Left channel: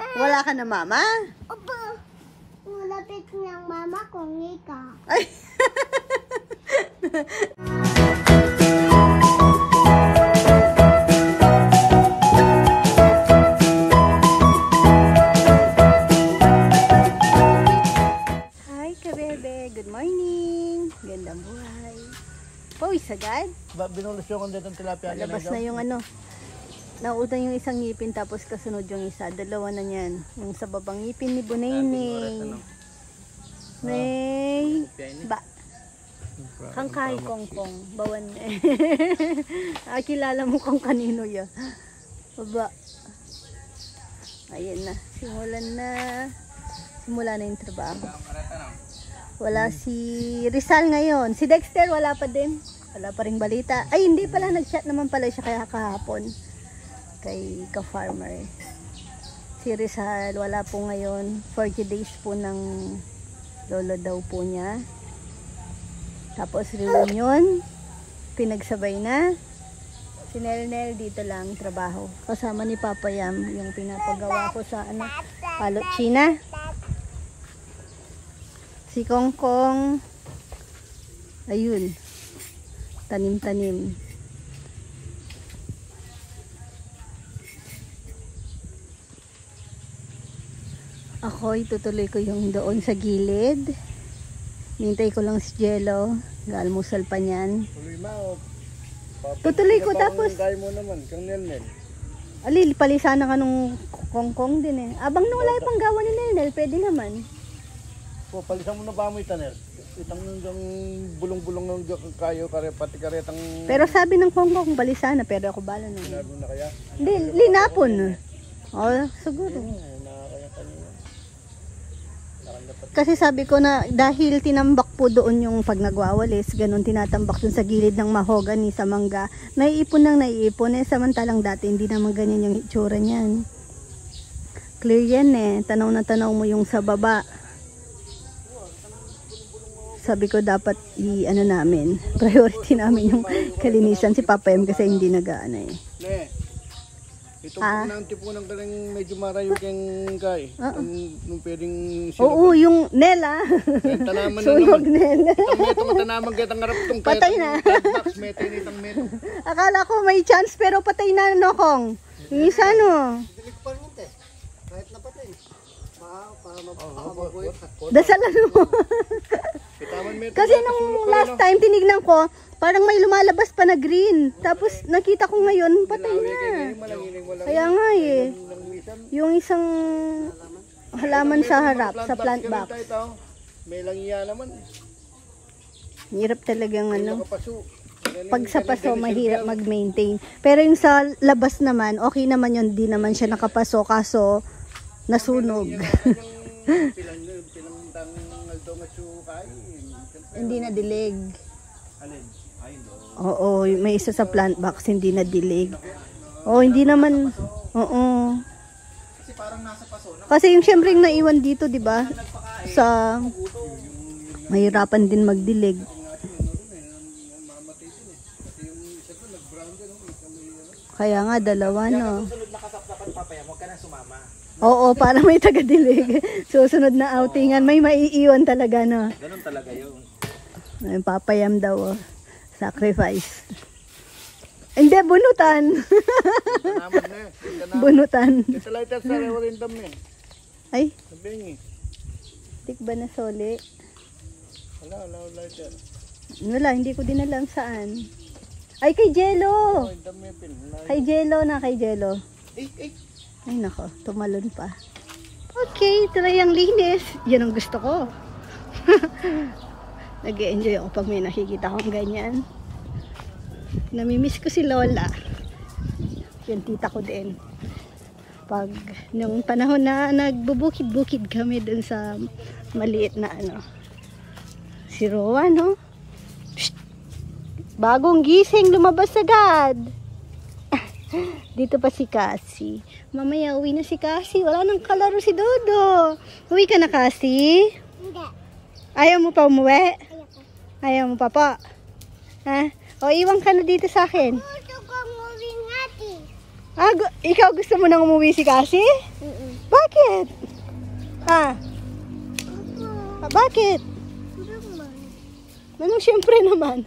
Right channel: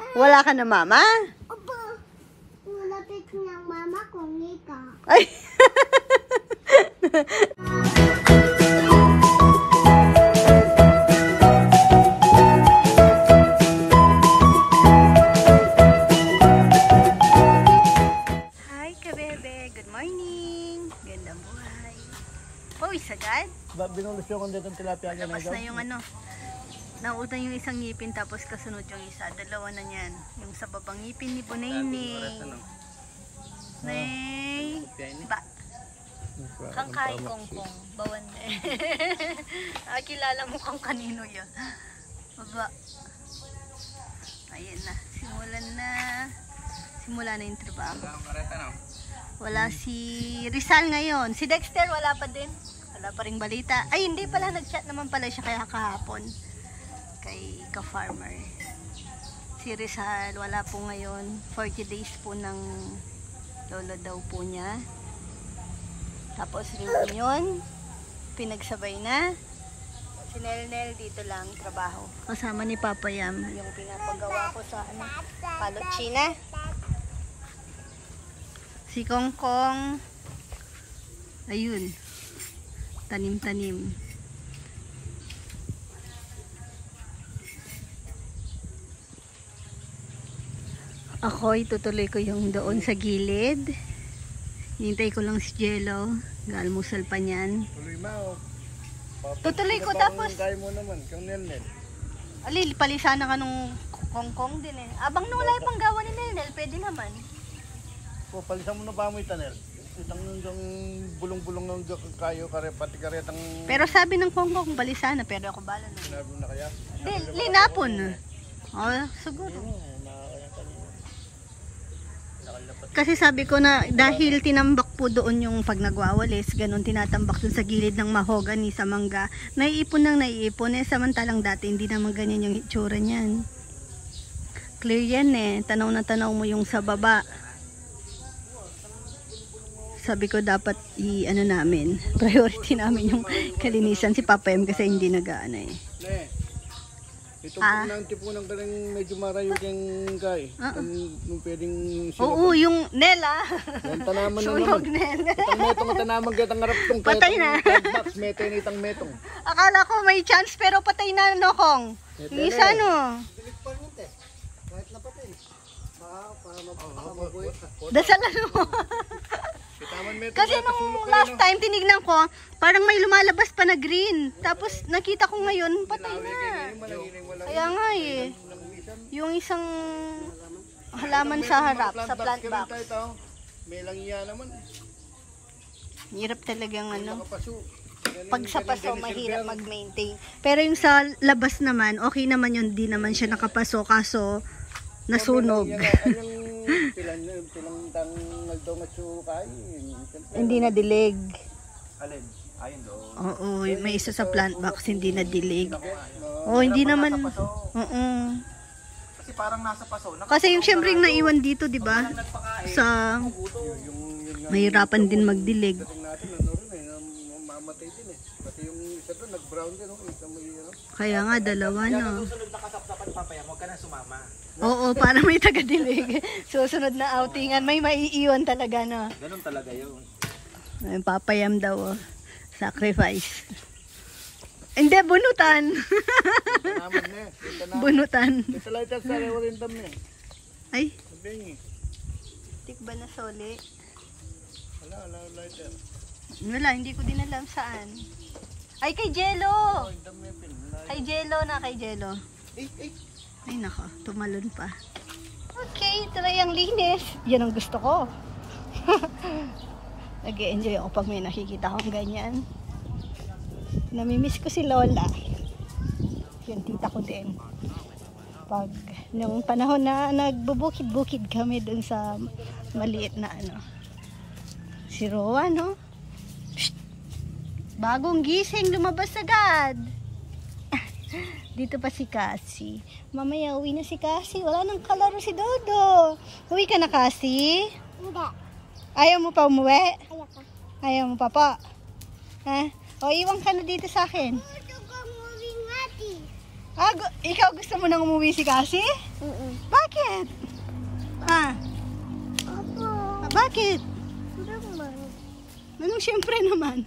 Wala ka na mama? Opo. Lapit ng mama ko, Nika. Ay! Hi, kabebe. Good morning. Gandang buhay. Pawis agad? Binulos yung dito ng tilapia. Labas na yung ano. Nautang yung isang ngipin tapos kasunod yung isa. Dalawa na yan. Yung sa babang ngipin ni Bunay-Nay. Nay. Ba. Kangkay kongkong. Bawan niya. Kilala mo kung kanino yan. Baba. Ayan na. Simula na yung trabaho. Wala si Rizal ngayon. Si Dexter wala pa din. Wala pa ring balita. Ay hindi pala. Nag-chat naman pala siya kaya kahapon. Kay ka-farmer. Si Rizal wala po ngayon. 40 days po ng lolo daw po niya. Tapos reunion. Pinagsabay na. Si Nel dito lang trabaho. Kasama ni Papa Yam. Yung pinapagawa ko sa Palot China. Si Kongkong. Ayun. Tanim-tanim. Ako itutuloy ko yung doon sa gilid. Hintay ko lang si Jello. Galmusal pa niyan. Tuloy mo. Tutuloy ko tapos. Kaya mo naman, kang Nel. Ali, palisana ka nung Kongkong din eh. Abang nung wala pang gawa ni Nel, pwede naman. O, palisan mo na ba mo itanel? Itang bulong-bulong ng kayo, pati karetang... Pero sabi ng Kongkong, palisana, pero ako bala na. Lalo na kaya? Hindi, linapon. Oh, siguro. Kasi sabi ko na dahil tinambak po doon yung pag nagwawalis, ganun tinatambak dun sa gilid ng mahogany sa mangga, naiipon eh, samantalang dati hindi naman ganyan yung itsura niyan. Clear yan eh, tanaw na tanaw mo yung sa baba. Sabi ko dapat i-ano namin, priority namin yung kalinisan si Papa M kasi hindi nag-aano eh. Itong punang tipunang galing medyo marayo keng kay. Nung pwedeng sila. Oo, yung Nela. Yung tanaman na naman. Nela. Itang metong tanaman kaya tang harap tong patay na. Box metong itang metong. Akala ko may chance pero patay na no Kong. Yung isa no. Dilig pa rin te. Kahit na patay. Para makababoy. Dasalan mo. Kasi nung last time tinignan ko, parang may lumalabas pa na green. Tapos nakita ko ngayon, patay na. Kaya nga eh. Yung isang halaman sa harap, sa plant box. May lang iya naman. Hirap talagang ano. Pag sa paso, mahirap mag-maintain. Pero yung sa labas naman, okay naman yun. Di naman siya nakapaso, kaso nasunog. Hindi na dilig. Oo, may isa sa plant box hindi na dilig. Oh, hindi naman. Oo. Kasi parang nasa paso. Kasi yung syempre naiwan dito, 'di ba? Sa mahirapan din magdilig. Kaya nga dalawa no. Oo, para may taga-dilig. Susunod na outingan, may maiiwan talaga no. Ganun talaga yun. Yung papayam daw, oh. Sacrifice. Hindi, bunutan. Tanaman na. Bunutan. Kita lighter sa rewarin dam na. Ay, Sabihin tik ba na soli? wala lighter. Wala, hindi ko din alam saan. Ay, kay Jello. Kay Jello na, kay Jello. Ay nako, tumalon pa. Okay, ito na yung linis. Yan ang gusto ko. Nag-e-enjoy ako pag may nakikita kong ganyan. Namimiss ko si Lola. Yan tita ko din. Pag nung panahon na nagbubukid-bukid kami dun sa maliit na ano. Si Roa, no? Psst! Bagong gising, lumabas agad. Dito pa si Cassie. Mamaya uwi na si Cassie. Wala nang kalaro si Dodo. Uwi ka na, Cassie? Hindi. Ayaw mo pa umuwi? Ayoko. Ayaw mo pa pa? Ha? O iwan ka na dito sa akin. Gusto ko umuwi natin. Ikaw gusto mo nang umuwi si Cassie? Bakit? Bakit? Ah, Opo. bakit? Naman. Anong syempre naman?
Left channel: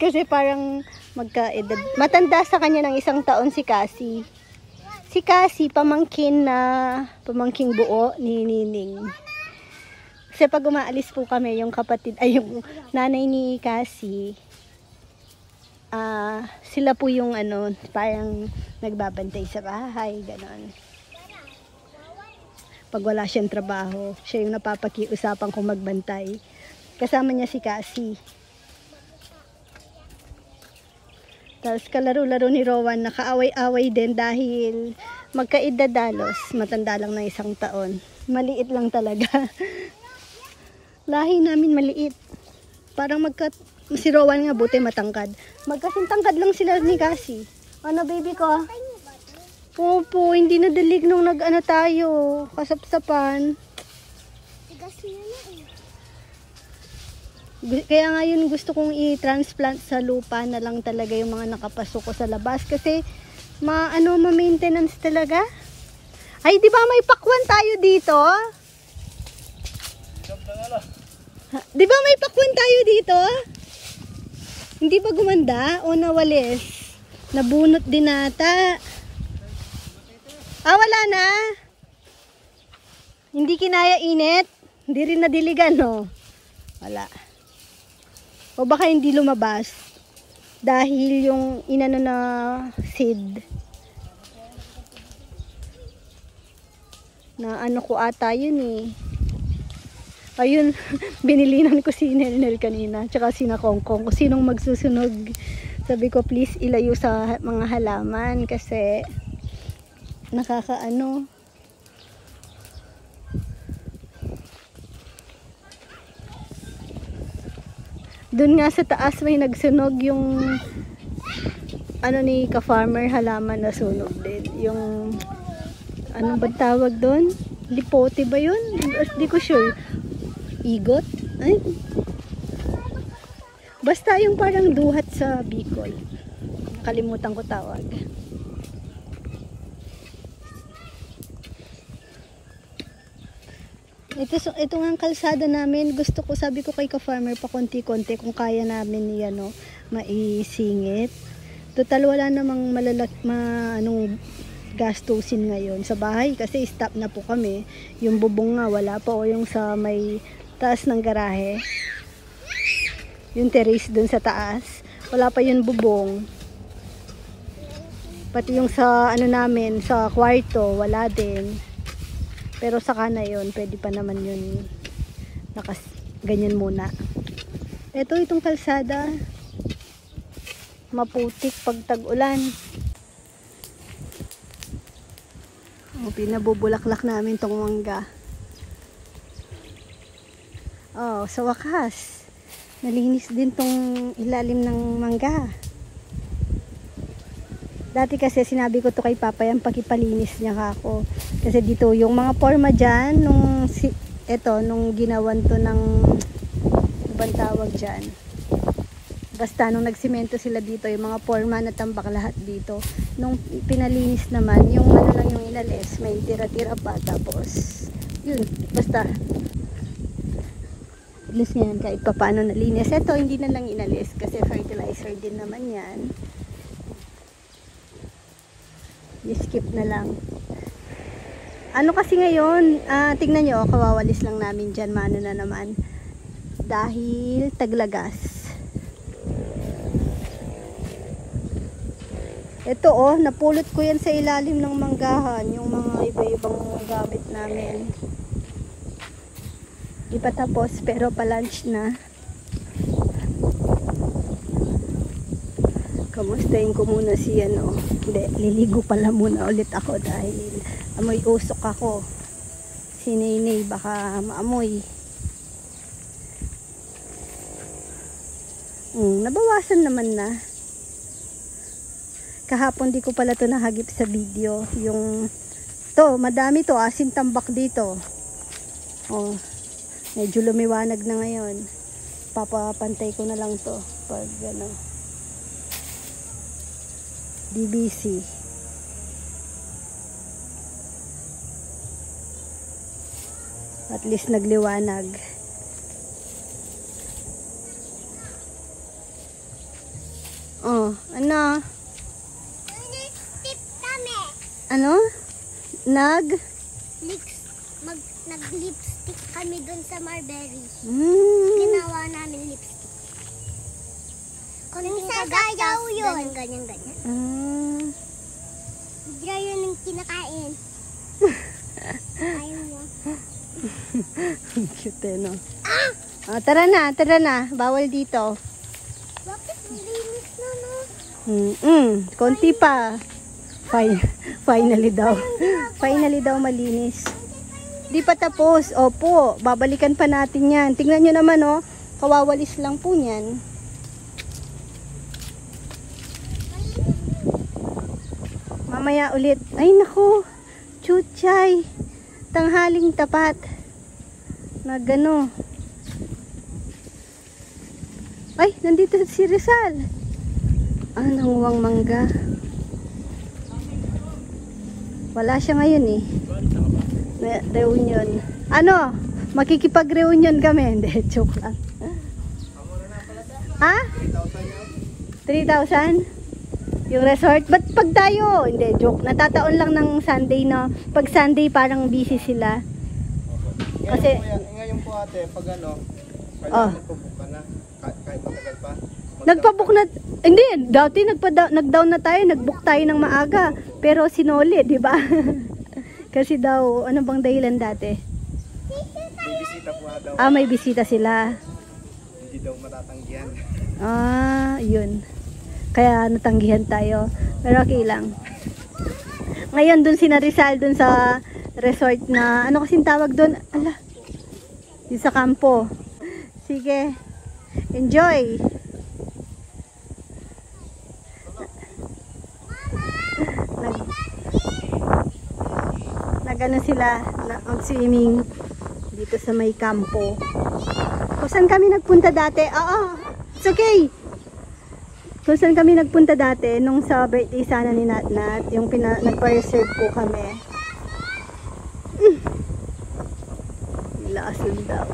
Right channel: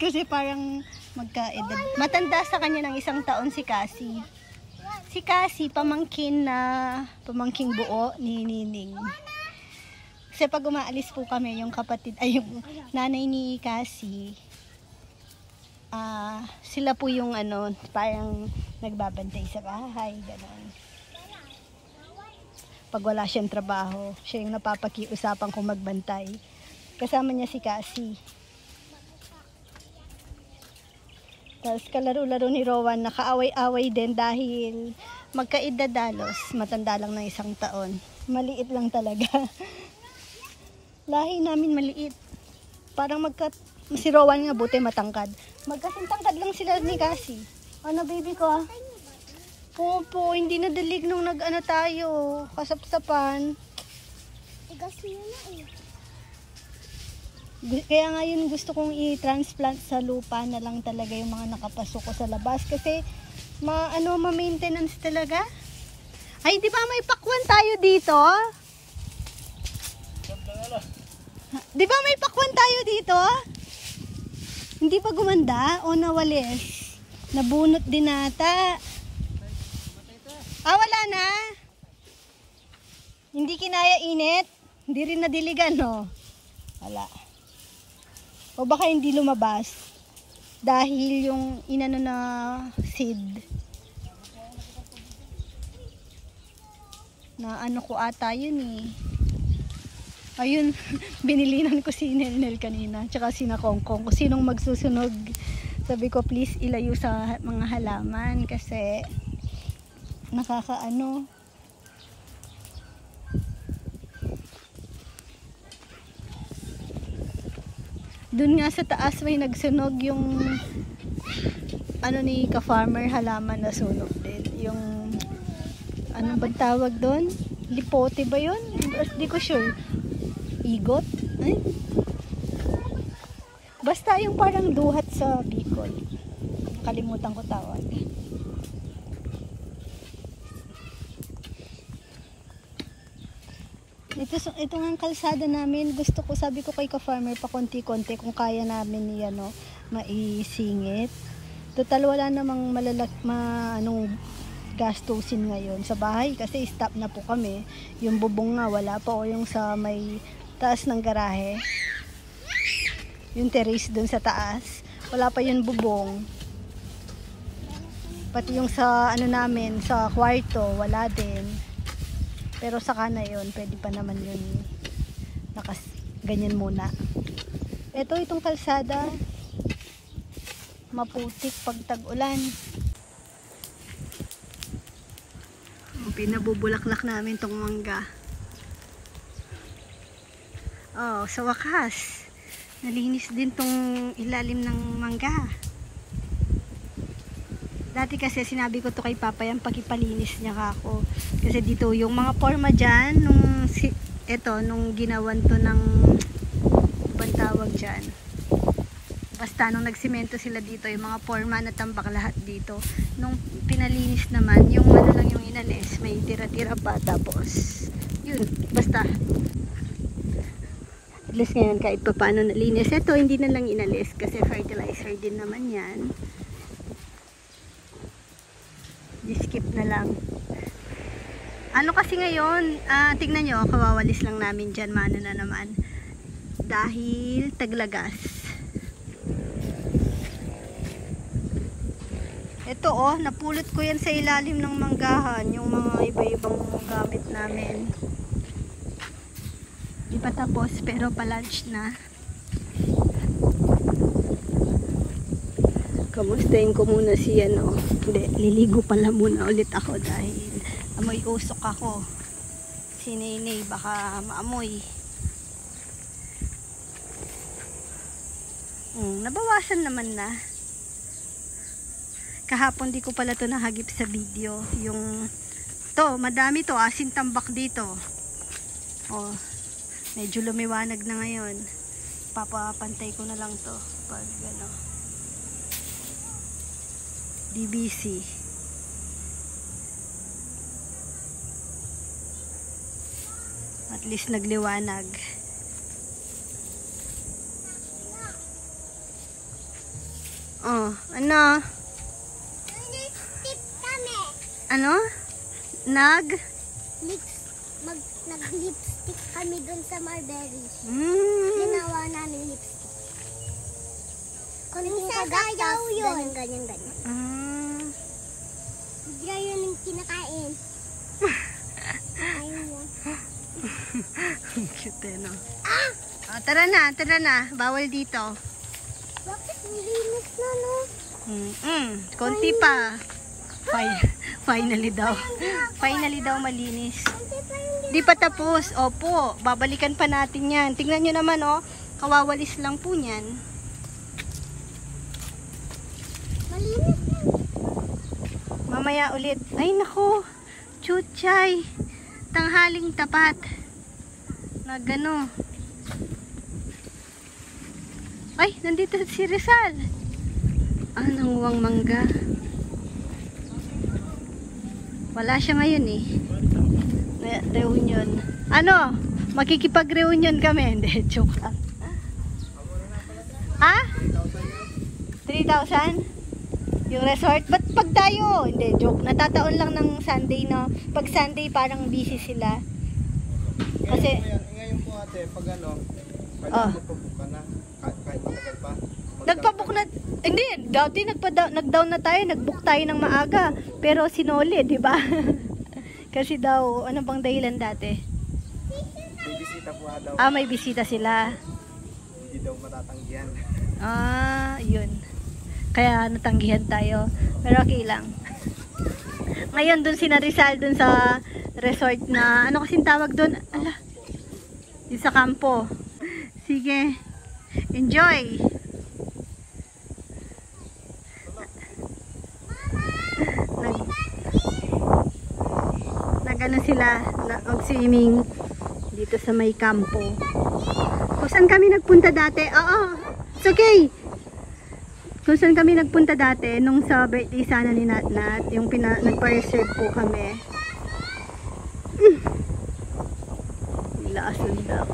Kasi parang magka-edad. Matanda sa kanya ng 1 taon si Cassie. Si Cassie, pamangking buo ni Nining. Kasi pag umaalis po kami, yung yung nanay ni Cassie, sila po yung parang nagbabantay sa bahay, gano'n. Pag wala siyang trabaho, siya yung napapakiusapan kung magbantay. Kasama niya si Cassie. Tapos kalaro-laro ni Rowan, nakaaway-away din dahil magkaedad dalos, matanda lang na 1 taon. Maliit lang talaga. Lahi namin maliit. Parang si Rowan nga buti matangkad. Magkasintangkad lang sila ni Cassie. Ano baby ko? Opo, hindi nadalig nung tayo. Kasapsapan. Tigas niya na eh. Kaya ngayon gusto kong i-transplant sa lupa na lang talaga yung mga nakapasok ko sa labas. Kasi ma-maintenance talaga. Ay, di ba may pakwan tayo dito? Di ba may pakwan tayo dito? Hindi pa gumanda o nawalis? Nabunot din nata. Wala na. Hindi kinaya init. Hindi rin nadiligan, no? Wala. O baka hindi lumabas. Dahil yung inano na seed. Na ko ata yun eh. Ayun, binilinan ko si Nel kanina, tsaka si Nakongkong, kung sinong magsusunog. Sabi ko, please ilayo sa mga halaman kasi nakakaano. Doon nga sa taas may nagsunog yung ni ka-farmer, halaman na sunog din. Yung ba tawag doon? Lipote ba yun? Di ko sure. Igot? Ay. Basta yung parang duhat sa Bicol. Kalimutan ko tawag. Ito nga kalsada namin. Gusto ko, sabi ko kay ka-farmer, pa konti-konti kung kaya namin maisingit. Total wala namang gastusin ngayon sa bahay kasi stop na po kami. Yung bubong nga wala pa, o yung sa may taas ng garahe, yung terrace dun sa taas, wala pa yung bubong. Pati yung sa namin sa kwarto wala din, pero saka na yun, pwede pa naman yun ganyan muna. Itong kalsada maputik pag tag-ulan. Pinabubulaklak namin tong mangga. Sa wakas nalinis din tong ilalim ng mangga. Dati kasi sinabi ko to kay Papa, yan pakipalinis niya ako. Kasi dito yung mga forma dyan, nung ginawan to ng ibang tawag dyan. Basta nung nagsimento sila dito, yung mga forma na tambak lahat dito. Nung pinalinis naman, yung lang yung inalis, may tira-tira pa. Tapos, yun, basta. At least ngayon, kahit pa paano nalinis. Ito, hindi na lang inalis kasi fertilizer din naman yan. I-skip na lang. Kasi ngayon, tingnan nyo, kawawalis lang namin dyan, mano na naman. Dahil taglagas. Ito napulot ko yan sa ilalim ng manggahan, yung mga iba-ibang gamit namin. Di pa tapos, pero pa-lunch na. Kamustahin ko muna si Hindi, liligo pala muna ulit ako dahil amoy usok ako. Si Nene baka maamoy. Nabawasan naman na. Kahapon di ko pala to nahagip sa video. Madami to, asin tambak dito. Medyo lumiwanag na ngayon. Papapantay ko na lang to pag DBC. At least nagliwanag. Oh, ano? Nag-tip kami. Ano? Nag-lipstick kami dun sa Marbury. Mm. Ginawa namin lipstick. Konting kagatas, ganyan. Ah. Bigla yun yung kinakain. Ayaw mo. Cute no? Ah, tara na. Bawal dito. Bakit linis na, no? Konti pa. Finally daw. Finally daw malinis. Di pa tapos. Opo, babalikan pa natin yan. Tingnan nyo naman, oh. Kawawalis lang po niyan. Mamaya ulit. Ay, naku. Chuchay. Tanghaling tapat. Nagano. Ay, nandito si Rizal. Nanguwang mangga. Wala siya ngayon eh. Reunion. Ano? Makikipag-reunion kami. Hindi, joke lang. Ha? 3,000? Yung resort? Ba't pag tayo? Hindi, joke. Natataon lang ng Sunday, no? Pag Sunday, parang busy sila. Kasi, ngayon po ate, pag ano, kailangan magpabook ka na. Kahit matagal pa. Nagpabook na, hindi, dati nag-down na tayo, nag-book tayo ng maaga. Pero sinoli, di ba? Kasi daw, ano bang dahilan dati? May bisita po daw. Ah, may bisita sila. Hindi daw matatanggihan. Ah, yun. Kaya natanggihan tayo. Pero okay lang. Ngayon dun si Rizal dun sa resort na, ano kasing tawag dun? Ala, yung sa kampo. Sige. Enjoy! Nagano sila mag-swimming dito sa may kampo. Kung saan kami nagpunta dati? Oo, it's okay. Kung saan kami nagpunta dati nung sa birthday sana ni Natnat, yung nagpa-reserve po kami. Lakas daw.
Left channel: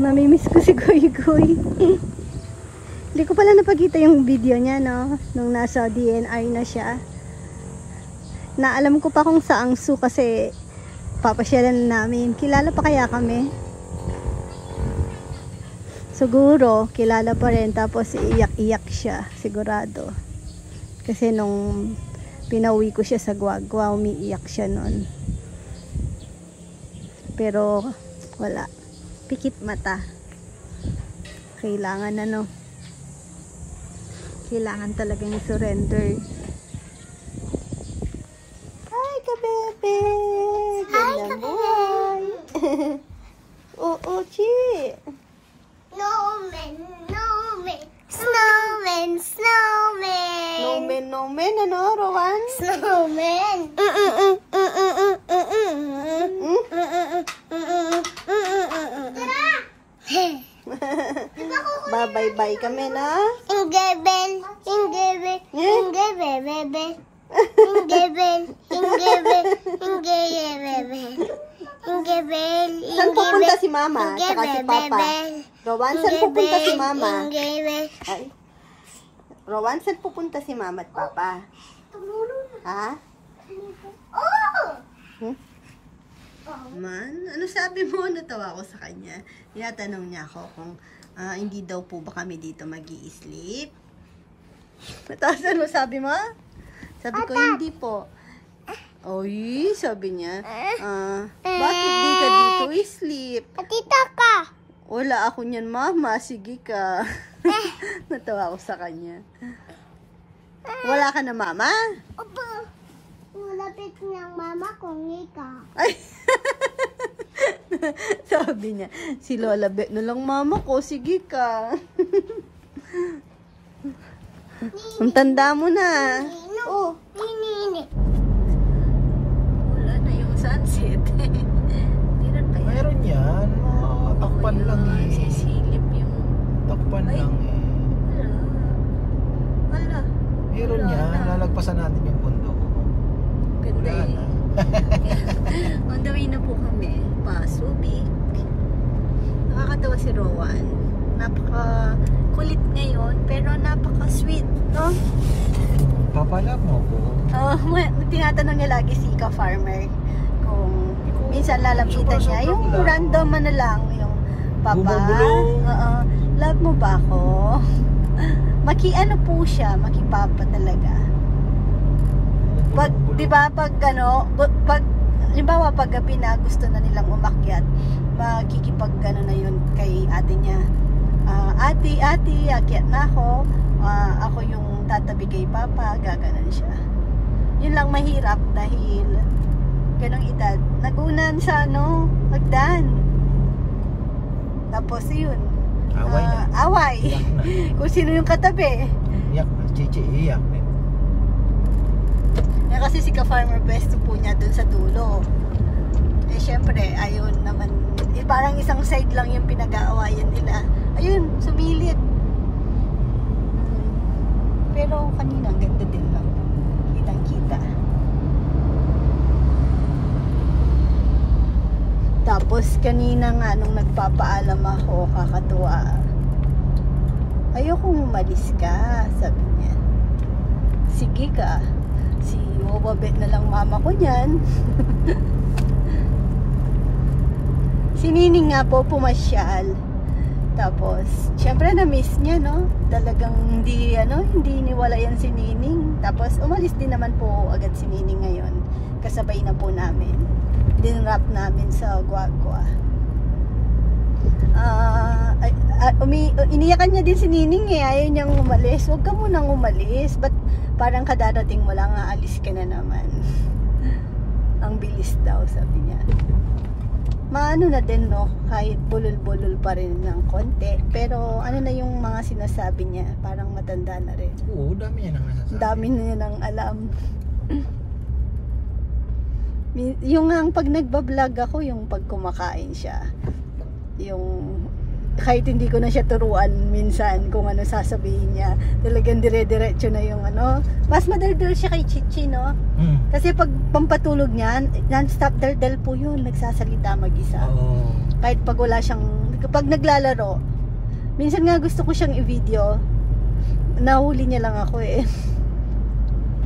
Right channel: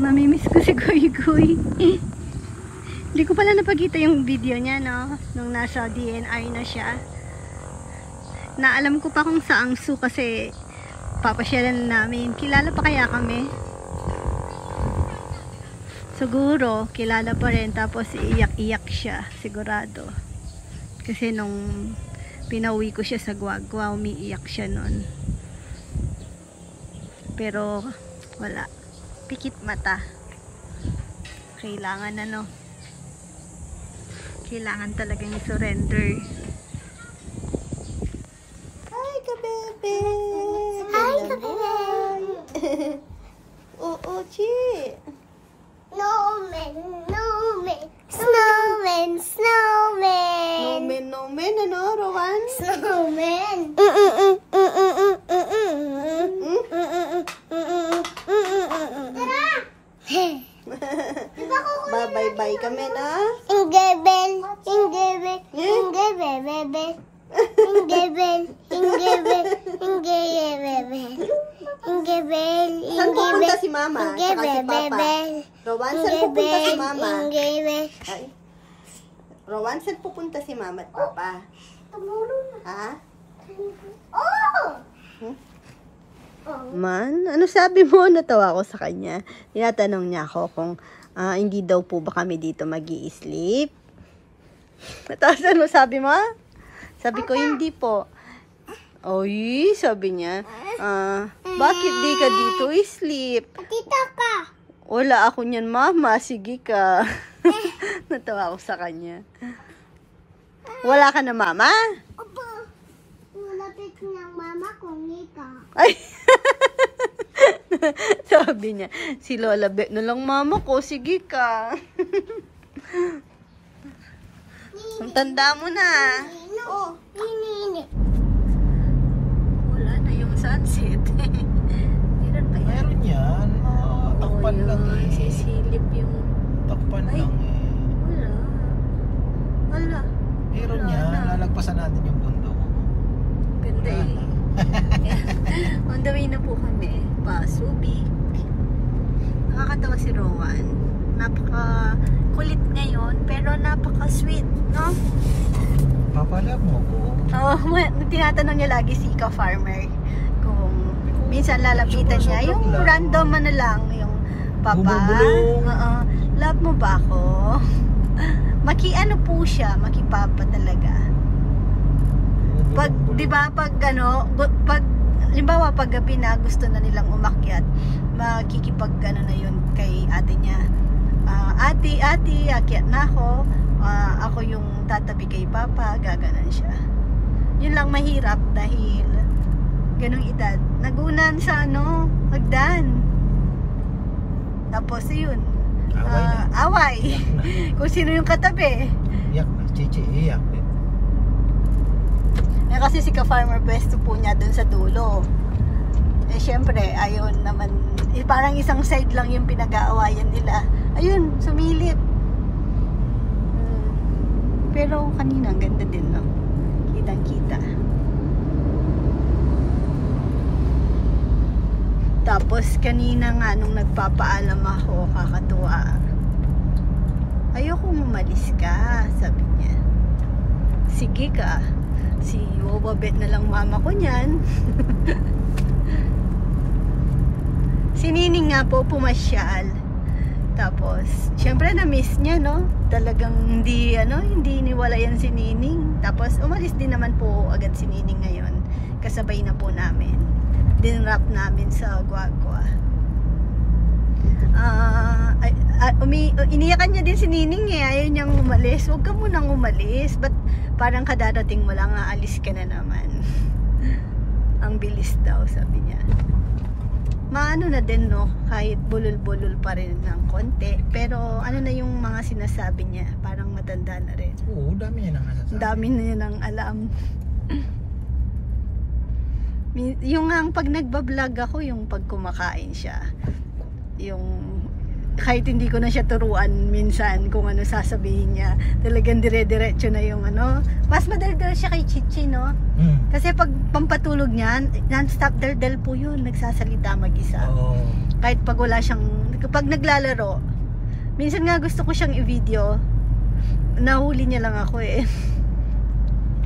Namimiss ko si Goy Goy. Hindi ko pala napakita yung video niya, no? Nung nasa DNR na siya. Naalam ko pa kung saang zoo kasi papasyalan namin. Kilala pa kaya kami? Siguro, kilala pa rin. Tapos iiyak-iyak siya. Sigurado. Kasi nung pinauwi ko siya sa Guagua, umiiyak siya nun. Pero, wala. Pikit mata. Kailangan ano. Kailangan talagang i-surrender. Hi, kabebe! Hi, kabebe! Oo, Chi! Snowman! Nomen, ano, Rowan? Snowman! Bye-bye kami na. Saan pupunta si Mama? Saka si Papa? Rowan, saan pupunta si Mama? Ay. Rowan, saan pupunta si Mama at Papa? Ha? Man, ano sabi mo? Natawa ko sa kanya. Tinatanong niya ako kung hindi daw po ba kami dito mag-i-sleep. Natawasan mo, sabi mo? Sabi ko, hindi po. Oy, sabi niya, bakit di ka dito i-sleep? Tita ka! Wala ako niyan, Mama. Sige ka. Natawa ko sa kanya. Wala ka na, Mama? Opo. Nulapit niyang mama kung ika. Ay! Sabi niya, si Lola Bet na lang mama ko, sige ka. Ang tanda mo na. Oo, ini. Wala na yung sunset. Meron yan. Takpan lang eh. Sisilip yung... Takpan lang eh. Wala. si Rowan. Napaka kulit ngayon, pero napaka sweet, no? Papala mo ko. Oh, tinatanong niya lagi si ka-farmer kung minsan lalapitan niya yung random ano lang, yung papa. Oo. Love mo ba ako? Ano po siya, maki-papa talaga. Pag, 'di ba, pag halimbawa pag gabi na gusto na nilang umakyat, makikipag na yun kay ate niya. Ate, akyat na ako. Ako yung tatabi kay papa, gaganan siya. Yun lang mahirap dahil ganong edad. Nagunan sa hagdan. Tapos yun. Away. Kung sino yung katabi. Iyak, chichi, iyak. Kasi si ka-farmer pwesto po niya dun sa dulo. Eh syempre, ayun naman, parang isang side lang yung pinag-aawayan nila. Ayun, sumilip. Pero kanina, ganda din, no? Kitang-kita. Tapos kanina nga, nung nagpapaalam ako, kakatuwa. Ayokong umalis ka, sabi niya. Sige ka. Si Wobabet na lang mama ko niyan. Si Nining nga po pumasyal. Tapos, syempre na-miss niya, no? Talagang hindi niwala yan si Nining. Tapos, umalis din naman po agad si Nining ngayon. Kasabay na po namin. Dinrap namin sa Guagua. Iniyakan niya din si Nining eh. Ayaw niyang umalis. Huwag ka munang umalis. Ba't parang kadadating mo lang, aalis ka na naman. Ang bilis daw, sabi niya. Maano na din, no? Kahit bulol-bulol pa rin ng konti. Pero ano na yung mga sinasabi niya? Parang matanda na rin. Oo, dami niya nang nasasabi. Dami na niya nang alam. Yung pag nagbablog ako, yung pag kumakain siya. Yung kahit hindi ko na siya turuan minsan kung ano sasabihin niya, talagang dire-diretso na yung mas madaldal siya kay Chichi, no? Kasi pag pampatulog niya, non-stop daldal po yun, nagsasalita mag-isa. Kahit pag wala siyang, kapag naglalaro, minsan nga gusto ko siyang i-video, nahuli niya lang ako eh.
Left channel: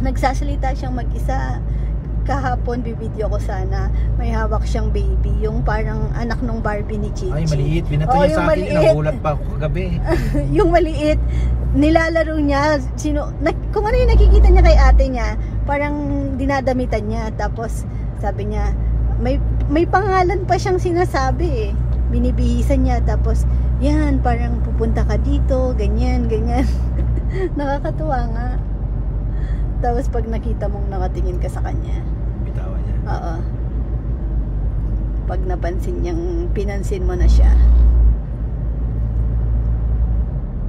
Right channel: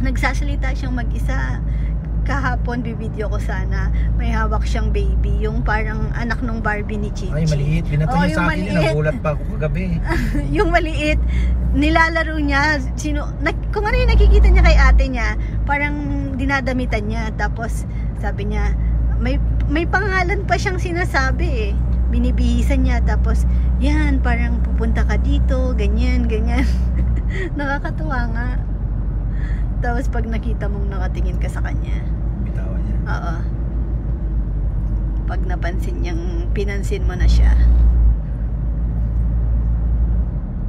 Nagsasalita siyang mag-isa. Kahapon bibideo ko sana, may hawak siyang baby, yung parang anak ng Barbie ni Chichi. Ay, maliit. Binato niya sa akin, nagulat pa ako kagabi. Yung maliit, nilalaro niya, kung ano yung nakikita niya kay ate niya, parang dinadamitan niya. Tapos sabi niya, may pangalan pa siyang sinasabi eh. Binibihisan niya, tapos yan, parang pupunta ka dito, ganyan, ganyan. Nakakatuwa nga. Tapos pag nakita mong nakatingin ka sa kanya, Bitawa niya. oo. Pag pinansin mo na siya.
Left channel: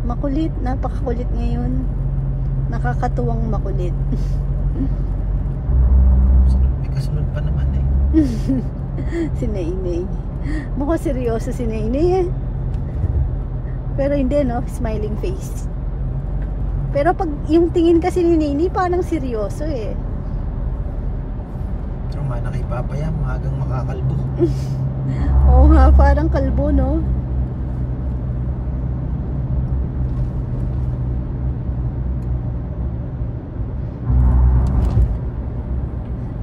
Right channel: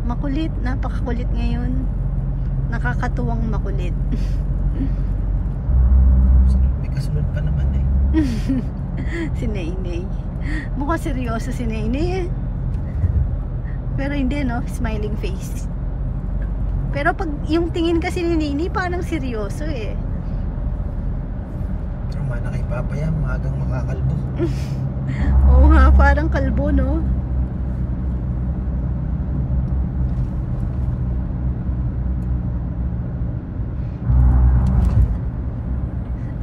Makulit, napakakulit ngayon. Nakakatuwang makulit. May kasunod pa naman eh. Si Nainay. Mukhang seryoso si Nainay eh. Pero hindi, no? Smiling face. Pero pag yung tingin kasi ni Nini, parang seryoso eh. Tama na kay Papa yan, maagang makakalbo. Oo nga, parang kalbo, no?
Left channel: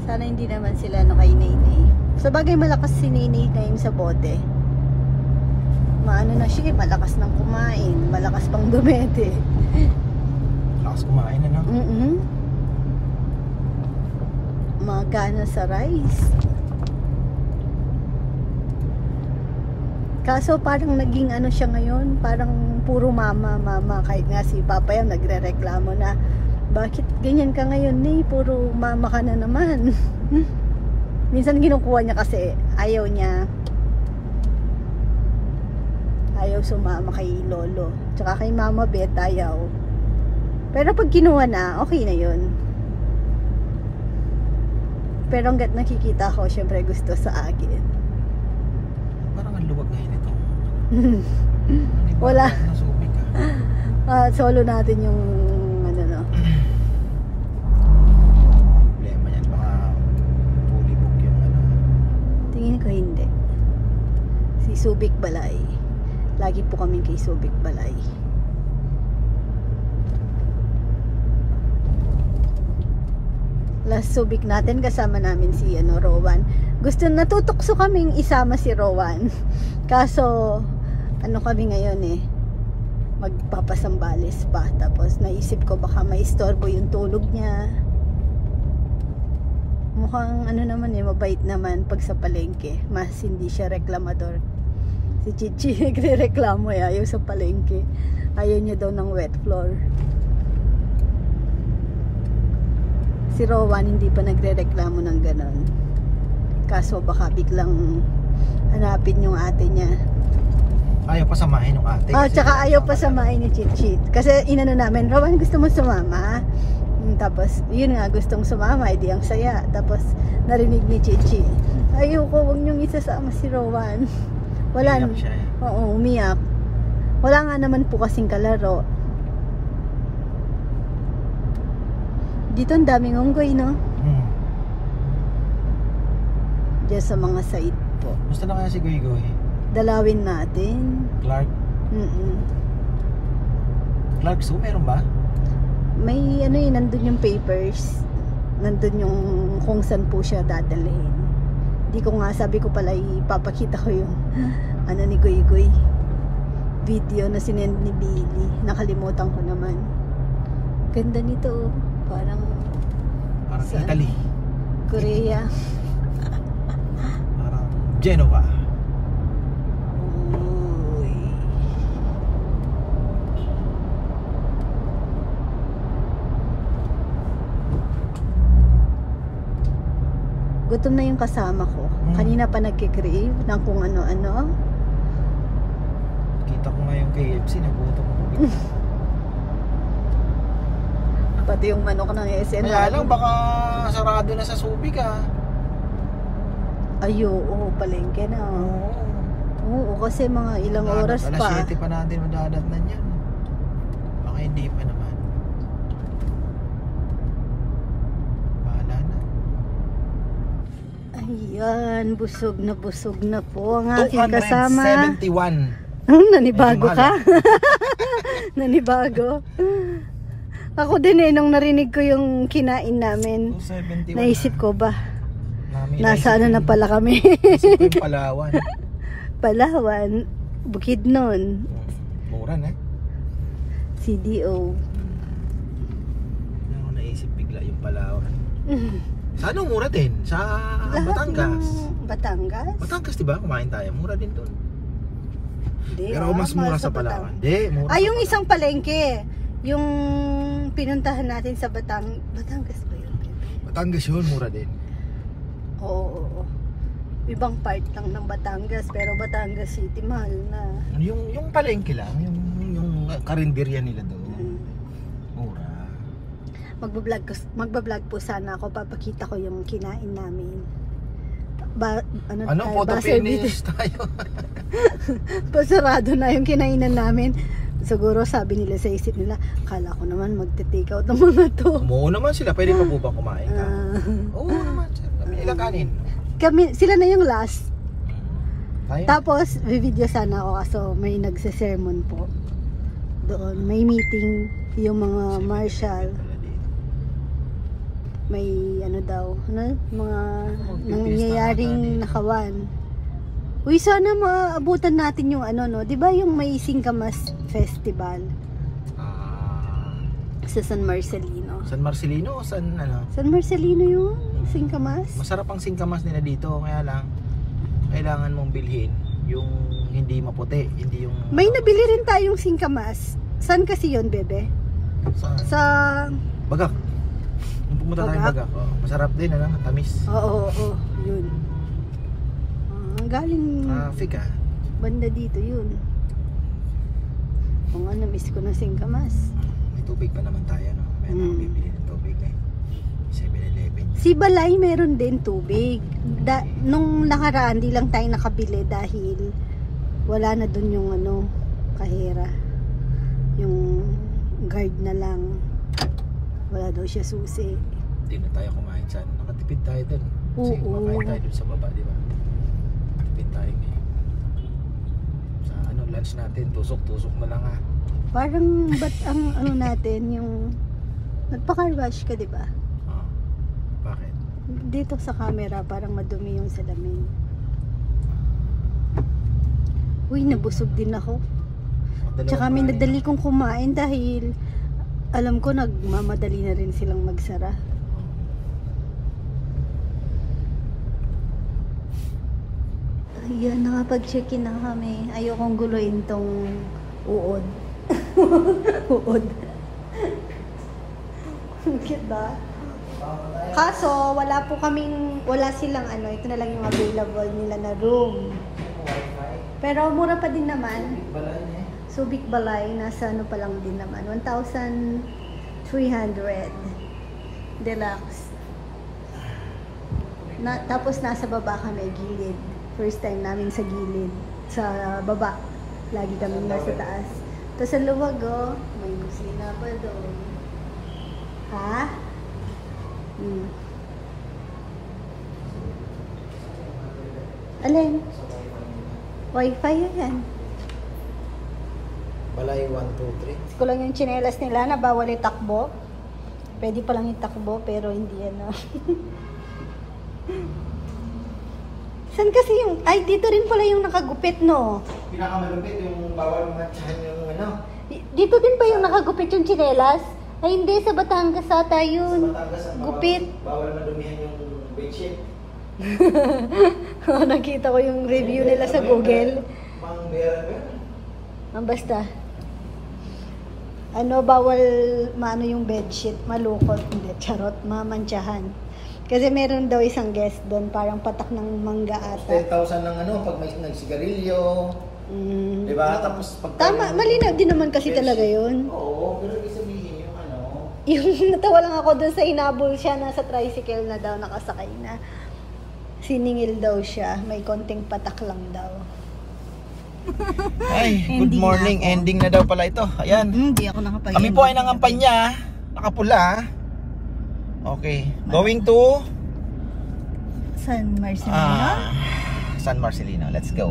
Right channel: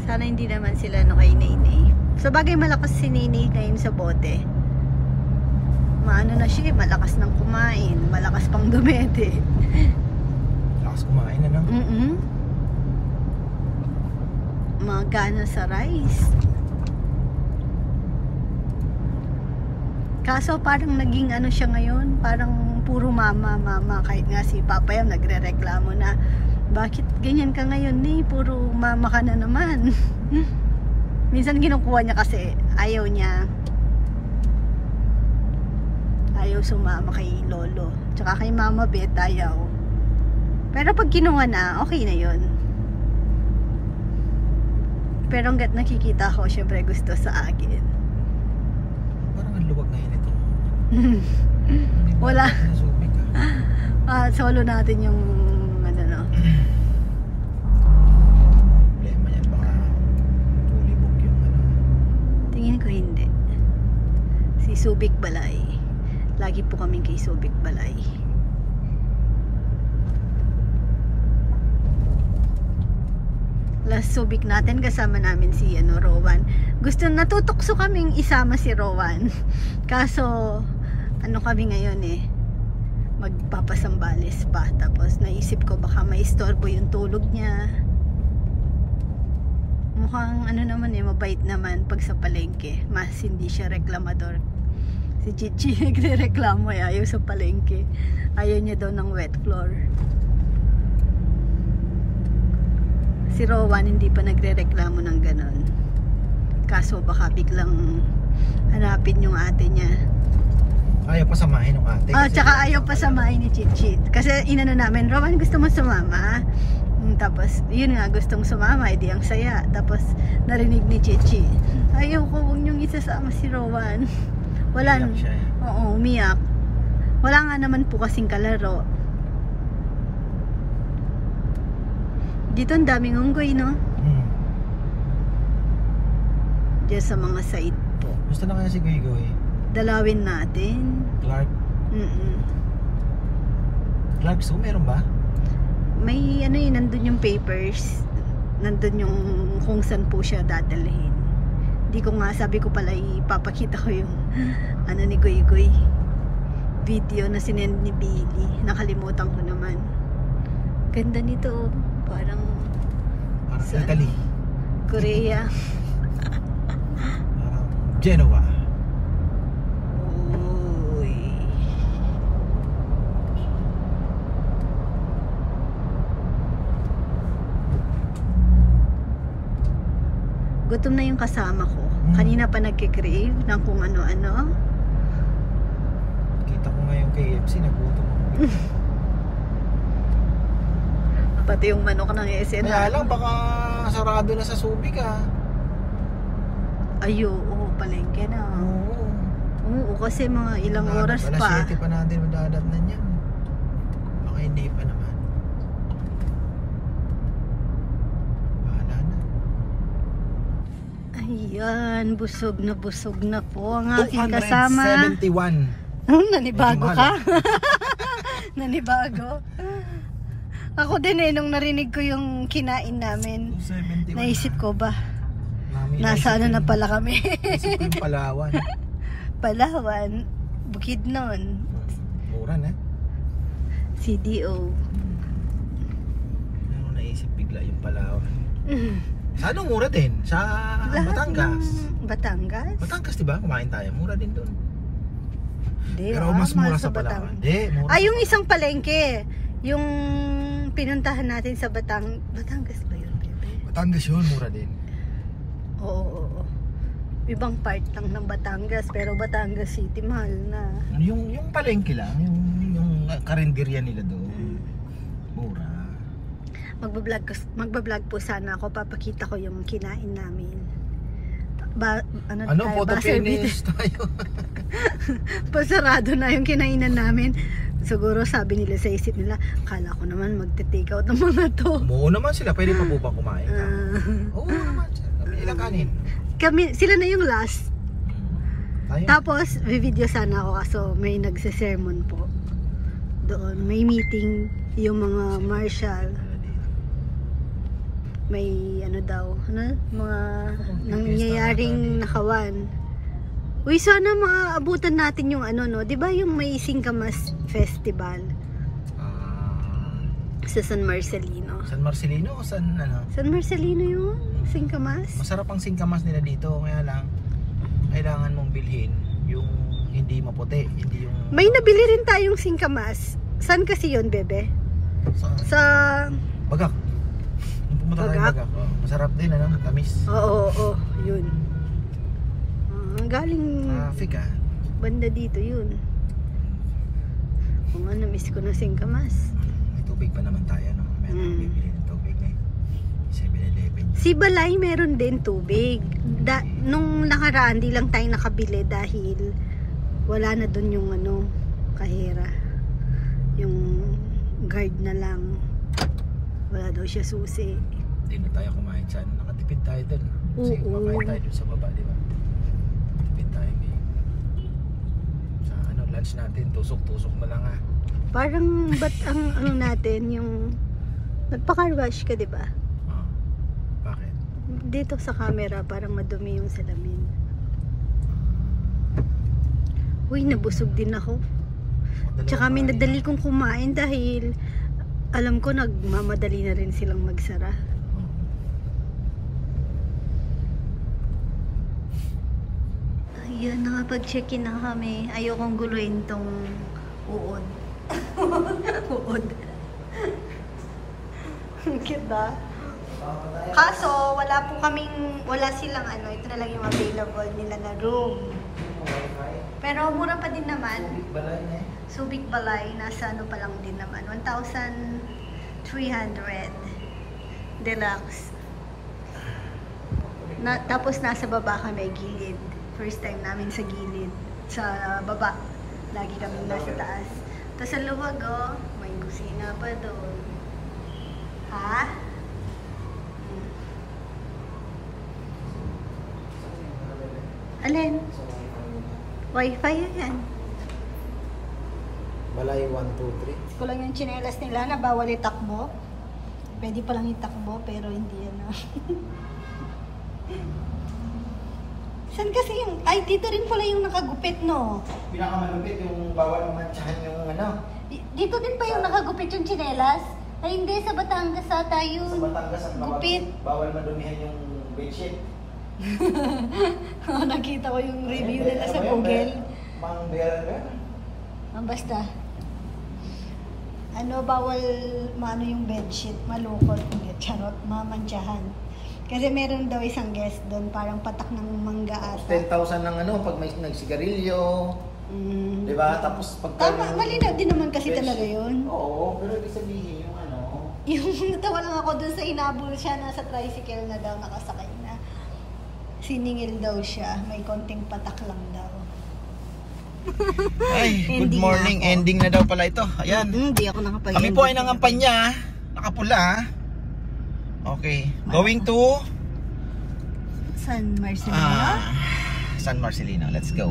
Sana hindi naman sila kay Nini. Sa bagay malakas si Nini ngayon sa bote. Maano na siya, malakas nang kumain, malakas pang dumete. Lakas kumain na, no? Magana sa rice. Kaso parang naging siya ngayon, parang puro mama. Kahit nga si Papa yung nagre-reklamo na, bakit ganyan ka ngayon ni? Puro mama ka na naman. Minsan kinukuha niya kasi ayaw niya. Ayaw sumama kay Lolo. Tsaka kay Mama Bet ayaw. Pero pag kinuha na, okay na yun. Pero hanggat nakikita ko, syempre gusto sa akin. Parang ang luwag ngayon ito. Wala. Solo natin yung no. Problema yan, baka pulibog yung Tingin ko hindi. Si Subic Balay. Lagi po kaming kay Subic Balay. Last Subic natin kasama namin si Rowan. Natutokso kaming isama si Rowan. Kaso kami ngayon magpapasambales pa. Tapos naisip ko baka maistorbo yung tulog niya. Mukhang naman mabait naman pag sa palengke. Mas hindi siya reklamador. Si Chichi nagre-reklamo ayaw sa palengke. Ayaw niya daw ng wet floor. Si Rowan hindi pa nagre-reklamo ng ganon. Kaso baka biglang hanapin yung ate niya. Ayaw pa samahin ng ate. Tsaka ayaw pa samahin ni Chichi. Kasi inano namin, Rowan gusto mo sumama? Tapos yun nga, gustong sumama, edi ang saya. Tapos narinig ni Chichi, ayoko, huwag niyong isasama si Rowan. Wala. Umiyak siya Oo, umiyak. Wala nga naman po kasing kalaro. Dito ang daming unggoy, no? Diyan sa mga site po. Gusto na kaya si Goy Goy? Dalawin natin. Clark? Clark Zoo, meron ba? May nandun yung papers. Nandun yung kung saan po siya dadalhin. Di ko nga, sabi ko pala ipapakita ko yung ni Goy Goy. Video na sinend ni Billy. Nakalimutan ko naman. Ganda nito. Parang Italy. Korea. Parang Genoa. Uy. Gutom na yung kasama ko. Kanina pa nagkikrave ng kung ano-ano. Kita ko nga yung KFC, nagutom. Pati yung manok ng SN. Kaya lang, baka sarado na sa Subic Oo, palengke na. Oo, kasi mga ilang oras pa. Alas 7 pa natin madadatnan yan. Baka hindi pa naman. Bahala na. Ayan, busog na po ang aking kasama. 271. Nanibago ka? Nanibago. Ako din nung narinig ko yung kinain namin, 271 naisip ko ba, nasa na pala kami. Isip ko yung Palawan. Palawan, Bukidnon. Mura na. CDO. Naisip bigla yung Palawan. Sa anong mura din? Sa Batangas. Batangas? Batangas diba? Kumain tayo. Mura din doon. Pero mas mahal mura sa Palawan. Mura. Yung isang palengke. Yung pinuntahan natin sa Batangas ba yun? Batangas yun, mura din. Oo. Ibang part lang ng Batangas, pero Batangas City mahal na. Yung palengke lang, yung karinderya nila doon. Mura. Magbablog po sana ako, papakita ko yung kinain namin. Photo finish tayo. Pasarado na yung kinainan namin. Siguro sabi nila sa isip nila, akala ko naman magte-take out ng mga to. Oo naman sila, pwede pa po ba kumain ka? Oo naman sila, ilang kanin. Sila na yung last. Tayo. Tapos, video sana ako kaso may nagse-sermon po. Doon, may meeting yung mga marshal. May mga nangyayaring nakawan. Uy, sana maabutan natin yung di ba yung may Singkamas Festival sa San Marcelino? San Marcelino o San San Marcelino yung Singkamas? Masarap ang singkamas nila dito, kaya lang kailangan mong bilhin yung hindi maputi, hindi yung... May nabili rin tayong singkamas. Saan kasi yun, bebe? Sa... Bagak. Yung pumunta tayong Bagak. Masarap din, tamis. Oo, yun. Galing Africa. Banda dito yun. Kung na-miss ko na singkamas. May tubig pa naman tayo, no? Meron bibili ng tubig, 7-Eleven. Si Balay meron din tubig. Nung nakaraan, di lang tayo nakabili dahil wala na dun yung kahera. Yung guard na lang. Wala daw siya susi. Hindi na tayo kumain sa nakatipid tayo dun. Kasi kumakain tayo dun sa baba, di ba? Nakatipid tayo ngayon. Sa lunch natin, tusok-tusok na lang ha. Parang ba't ang ano natin, yung nagpaka-rush ka, di ba? Bakit? Dito sa camera, parang madumi yung salamin. Uy, nabusog din ako. Tsaka may nadali kong kumain dahil alam ko nagmamadali na rin silang magsara. Ayan, nakapag-check-in na kami. Ayokong guluhin tong uod. Uod. Cute ba? Kaso, wala silang ano, ito na lang yung available nila na room. Pero mura pa din naman. Subic Balay, nasa ano pa lang din naman. 1,300 deluxe. Tapos nasa baba kami, gilid. First time namin sa gilid. Sa baba. Lagi kami nasa taas. Tapos sa luwag, oh, may kusina pa doon. Ha? Alin? Wi-Fi yan. Balay 1, 2, 3. Kulang yung tsinelas nila na bawal itakbo. Pwede pa lang itakbo pero hindi ano. Saan kasi yung... Ay, dito rin pala yung nakagupit, no? Pinakamalupit yung bawal matsahan yung ano. Dito din pa yung nakagupit yung tsinelas? Ay, hindi. Sa Batangas ata yun. Sa Batangas ang gupit. Bawal madumihan yung bedsheet. Nakita ko yung review nila sa Google. Mangberan ba? Basta. Ano, bawal maano yung bedsheet. Malukot. Hindi, charot. Mamantsahan. Kasi meron daw isang guest doon, parang patak ng mangga ata. 10,000 ng ano, pag may nagsigarilyo. Diba? Tapos pag... Tama, malinaw din naman kasi talaga yun. Oo, pero ibig sabihin yung ano... Yung natawa lang ako doon sa inabol siya, nasa tricycle na daw, nakasakay na. Siningil daw siya, may konting patak lang daw. Ay, good morning. Ending na daw pala ito. Ayan. Hindi ako nakapag-ending. Kami po ay nangampanya. Nakapula. Okay. Going to San Marcelino? San Marcelino. Let's go.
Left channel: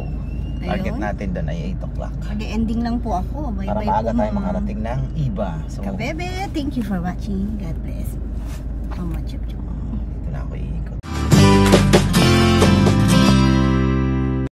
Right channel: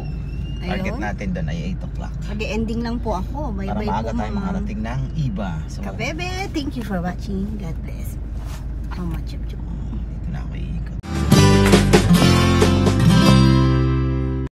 Target Ayun. natin doon ay 8 o'clock. Mag-ending lang po ako. Bye Para bye maaga po, tayo makarating ng iba. So, Kabebe, thank you for watching. God bless.